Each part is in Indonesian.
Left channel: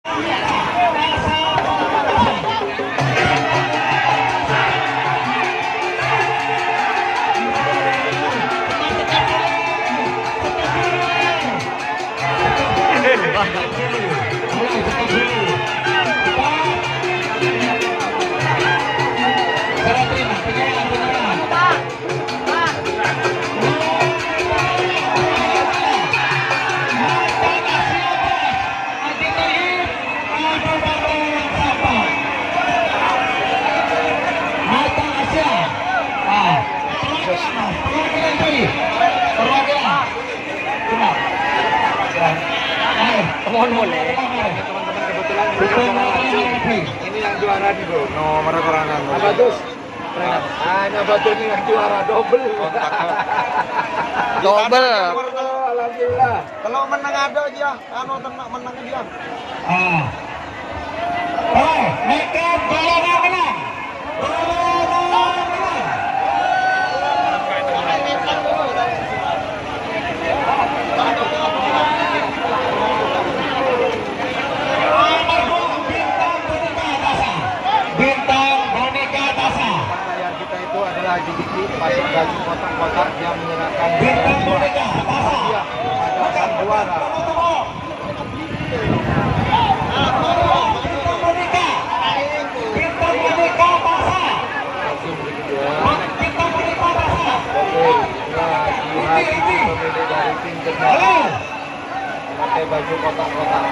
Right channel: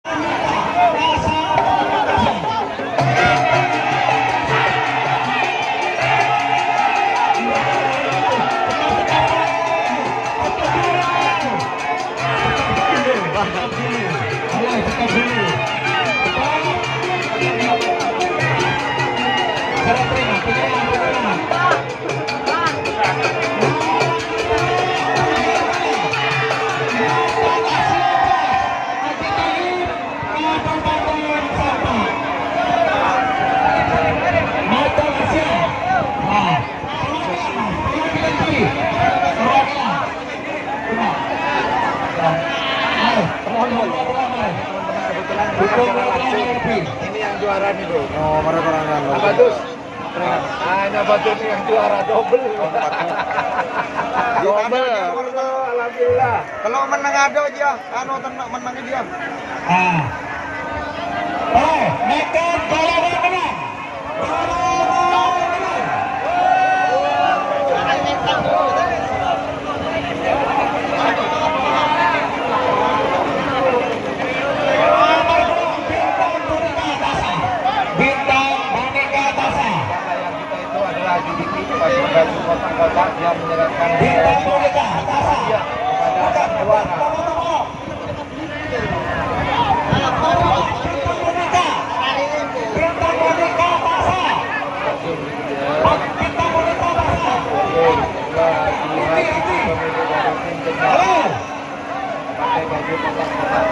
Ini yang juara nih bro. Nomor terangan. Bagus. Hanya batu ini yang juara double. Double. Alhamdulillah. Kalau menang ada aja, anu tenang menang dia. Nekat jalan menang. Kotak-kotak yang menyerahkan Bintang Boneka dia akan juara. Pakai baju kotak-kotak.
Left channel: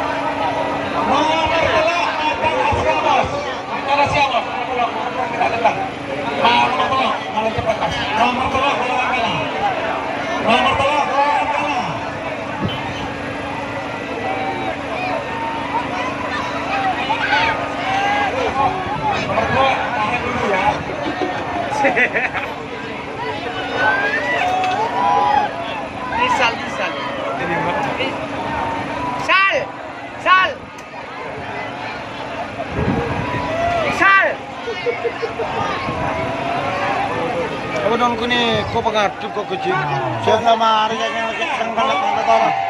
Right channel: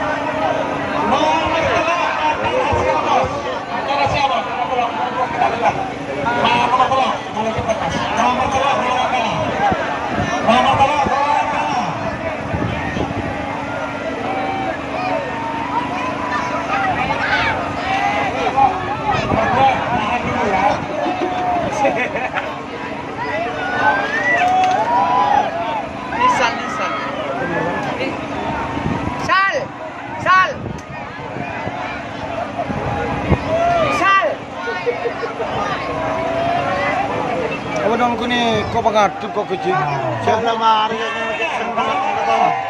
Kalau dong kini kau pakai kau kecil. Siapa nama hari yang kata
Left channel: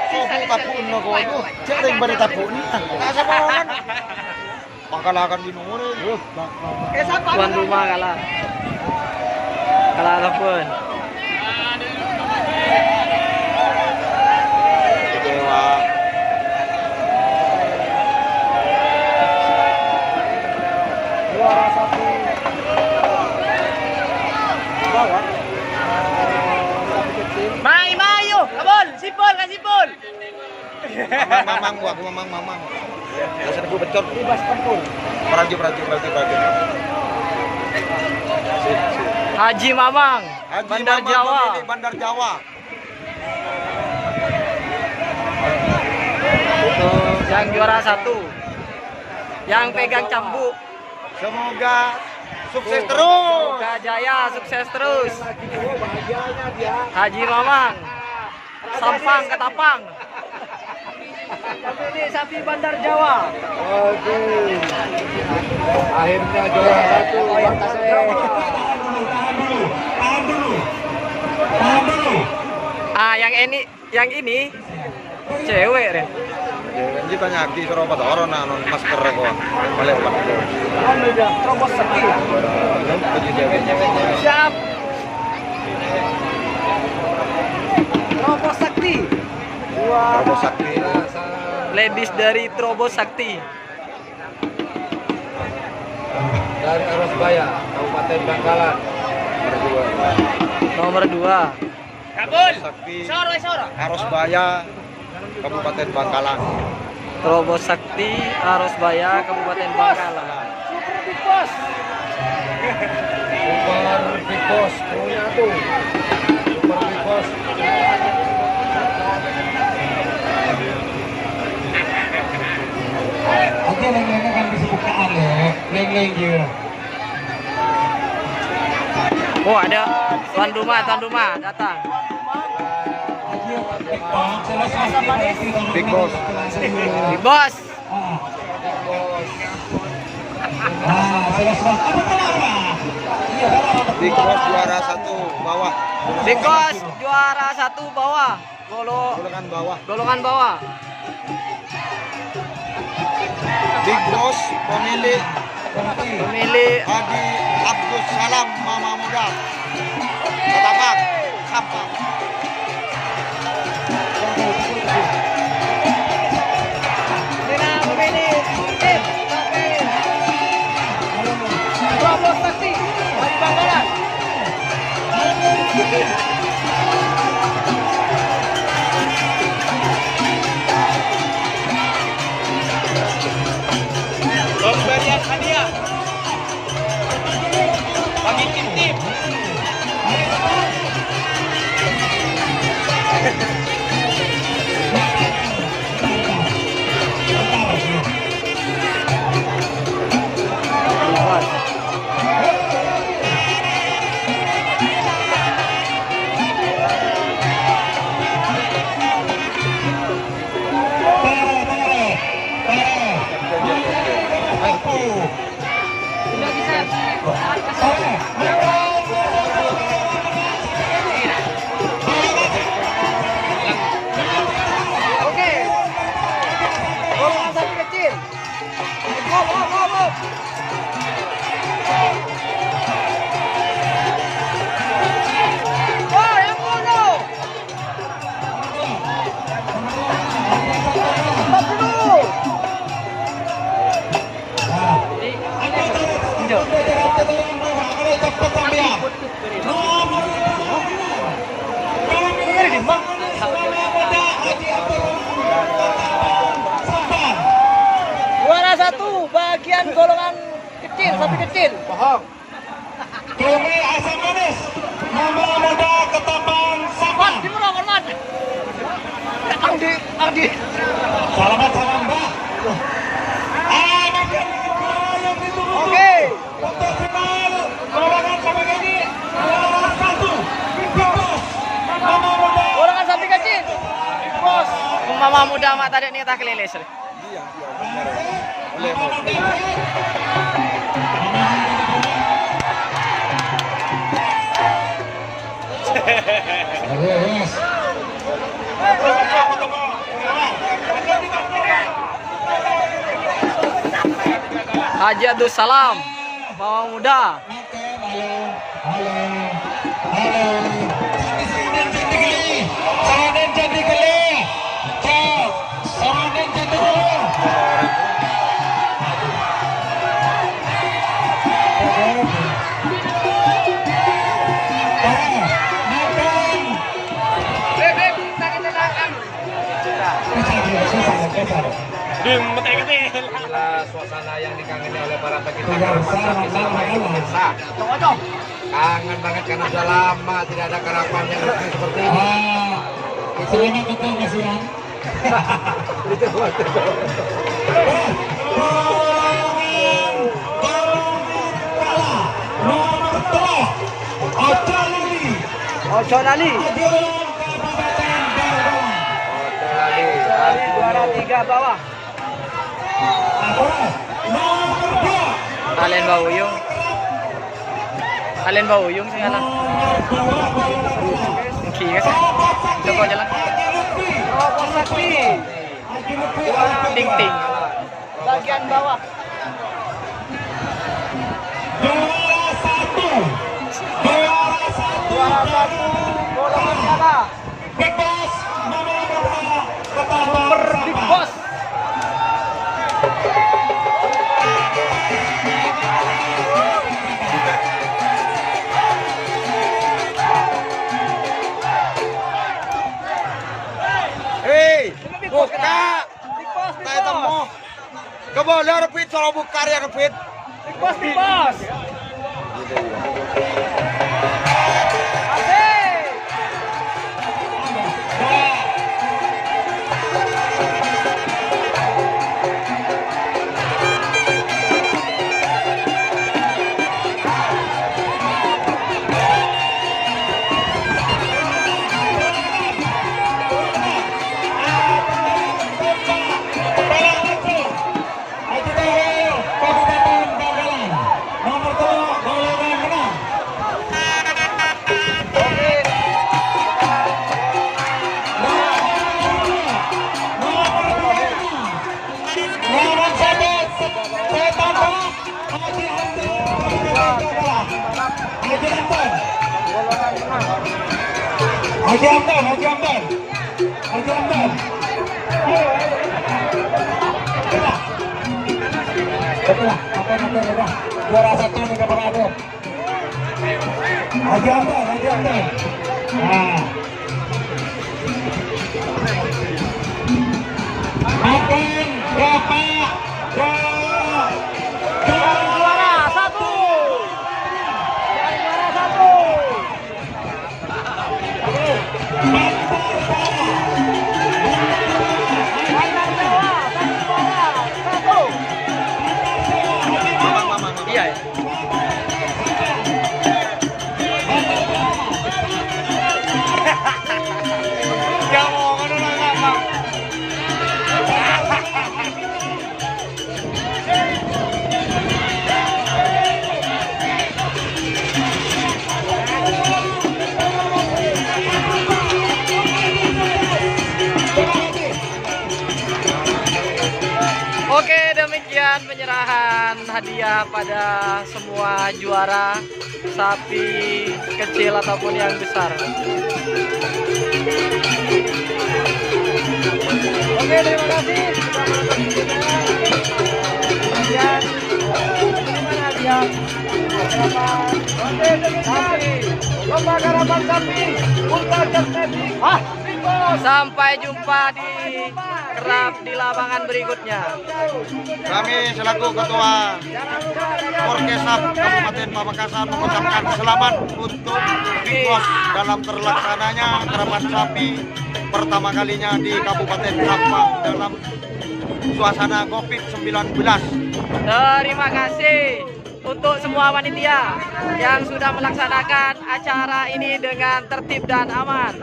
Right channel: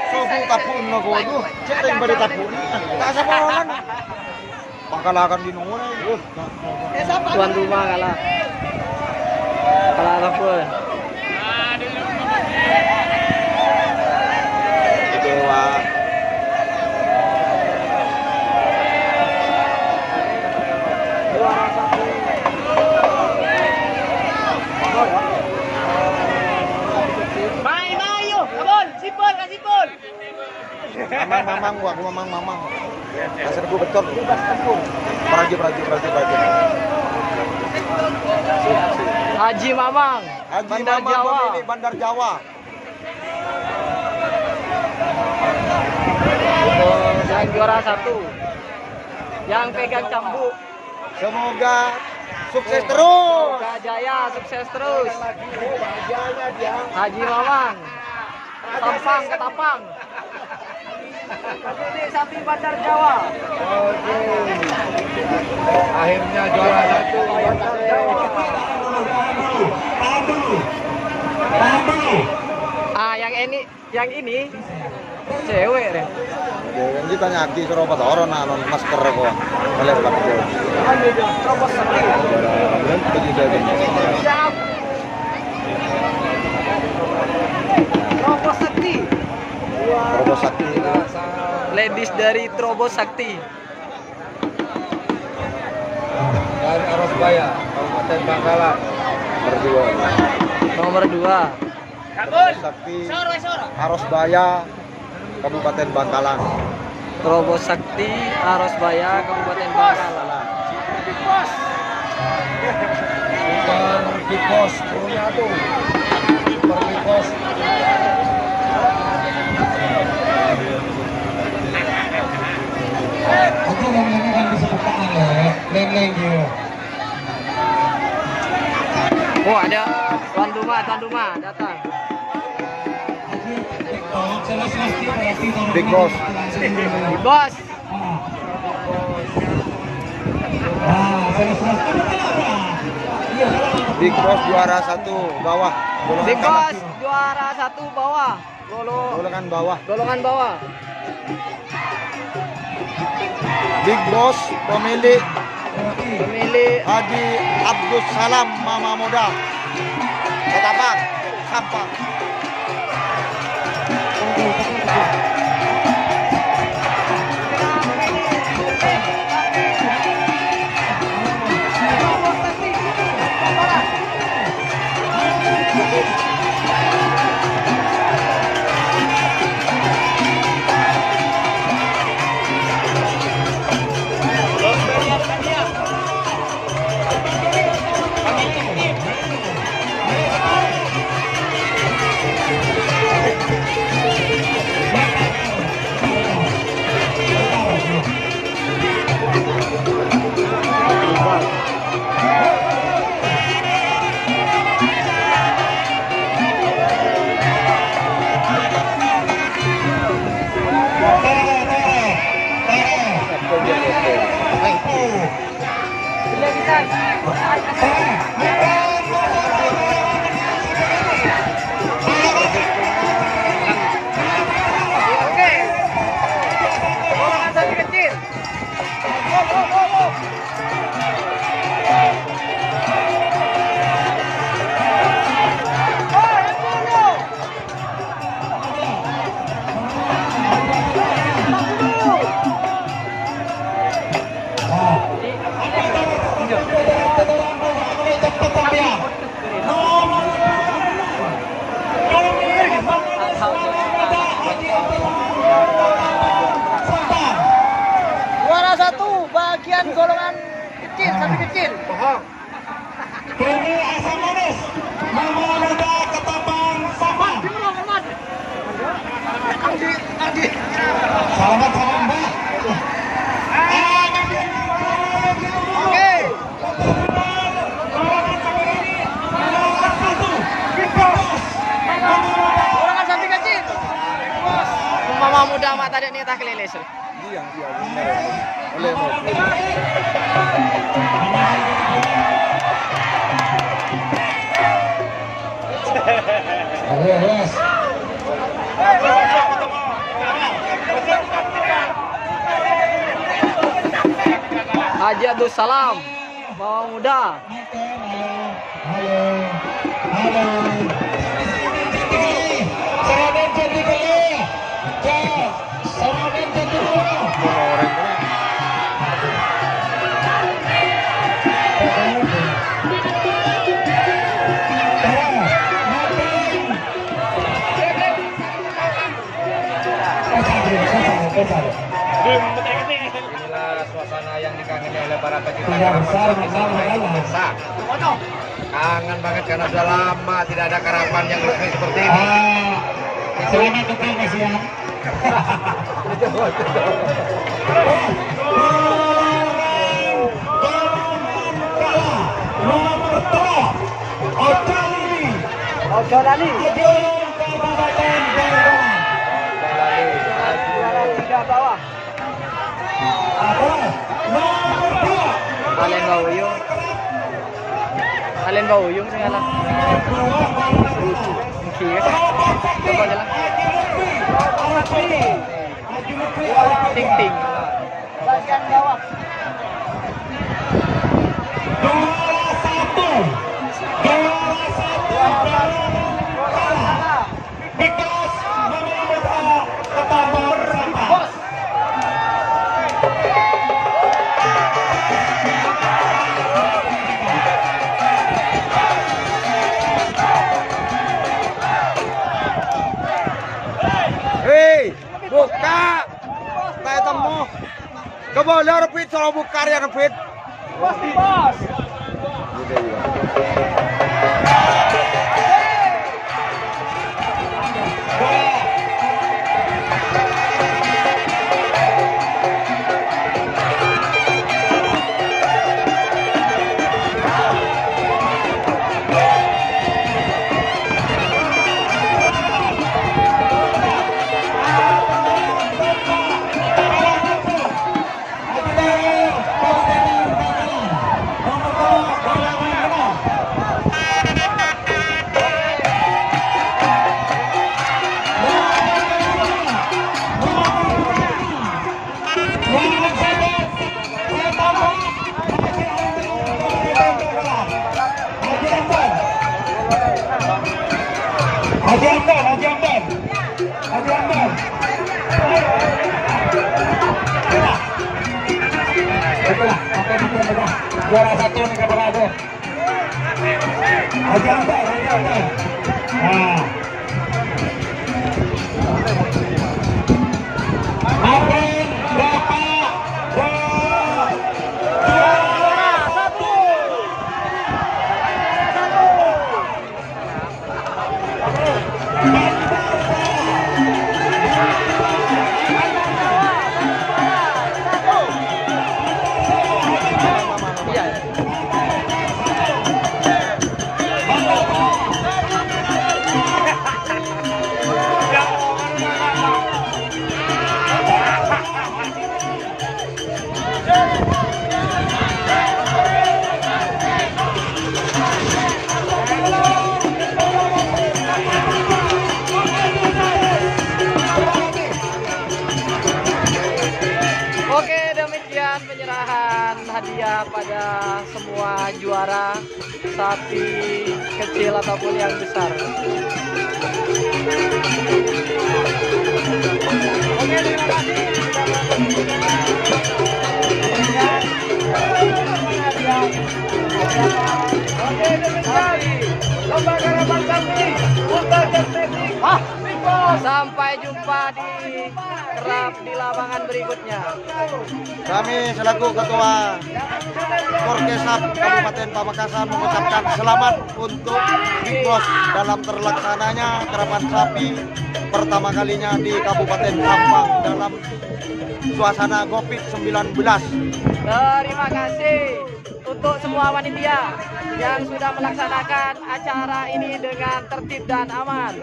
kau tapun kau itu cari pada tapun. Pangkalakan di nomor itu. Tuan rumah kalah ataupun. Mamang. Asal gue betul. Prajo. Haji Mamang, Bandar Jawa. Bandar Jawa. Yang juara 1. Yang pegang cambuk. Semoga sukses terus. Semoga jaya, sukses terus. Haji Mamang. Sampang Ketapang. Ini sapi Bandar Jawa. Oke. Akhirnya juara 1 yang ini cewek deh. Ini juga nyaki suruh apa orang non masker kok. Boleh pakai. Siap. Robo Sakti. Ladies dari Trobo Sakti. dan Arosbaya, Kabupaten Bangkalan. Nomor 2. Sakti Arosbaya, Kabupaten Bangkalan. Trobo Sakti Arosbaya, Kabupaten Bangkalan. Super Big Boss punya tuh. Super Big Boss. Oke, leng-lengnya kan disebutkan leng-leng gitu. Oh, ada tuan rumah datang. Big Boss. Big Boss. Big Boss juara 1 bawah. Big Boss juara 1 bawah. Golongan bawah. Golongan bawah. Big Boss pemilik Haji Abdul Salam Mama Muda. Ketapang sampai. Juara 1 bagian golongan kecil, sapi kecil. Paham. Ini asam manis. Mama Muda Ketapang Sabang. Ardi. Selamat Mbak. Oke. Golongan sapi kecil. Bos. Mama Muda mak tadi nih tak kelilis. Iya, benar. Yes. Haji Abdul Salam Mama Muda. Inilah suasana yang dikangeni oleh para pemirsa. Kangen banget karena sudah lama tidak ada karapan yang resmi seperti ini. Selamat datang Mas Ian. Ojo Nali. Tiga bawah. Alen Bauyung. Alen Bauyung sing ngalah. Engki guys. Coba jalan. Ting ting. Bagian bawah. Bos. Hei, buka. Tayo tamo. Kabo laro pit sa buka rin ang pit. Bos. Haji Amdan, Haji Amdan. Haji Amdan. Juara 1 mereka berada. Haji Amdan, Haji Amdan. Nah. Makan berapa? Iya ya. Oke, demikian penyerahan hadiah pada semua juara sapi kecil ataupun yang besar. Oke, terima kasih. Sampai jumpa di kerap di lapangan berikutnya. Kami selaku Ketua Forkesab Kabupaten Pamekasan mengucapkan selamat untuk Big Boss dalam terlaksananya kerapat sapi pertama kalinya di Kabupaten Sampang dalam suasana COVID-19. Terima kasih untuk semua panitia yang sudah melaksanakan acara ini dengan tertib dan aman.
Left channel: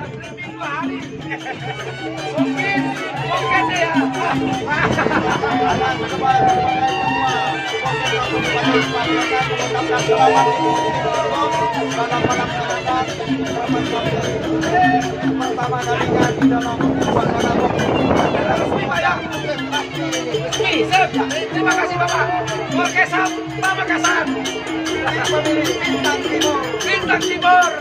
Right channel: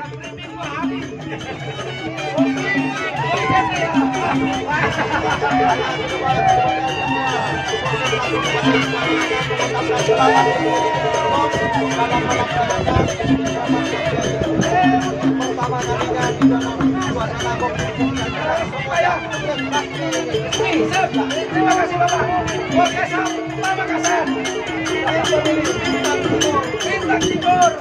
Terima kasih Bapak. Forkesab Pamekasan. Bintang Timur.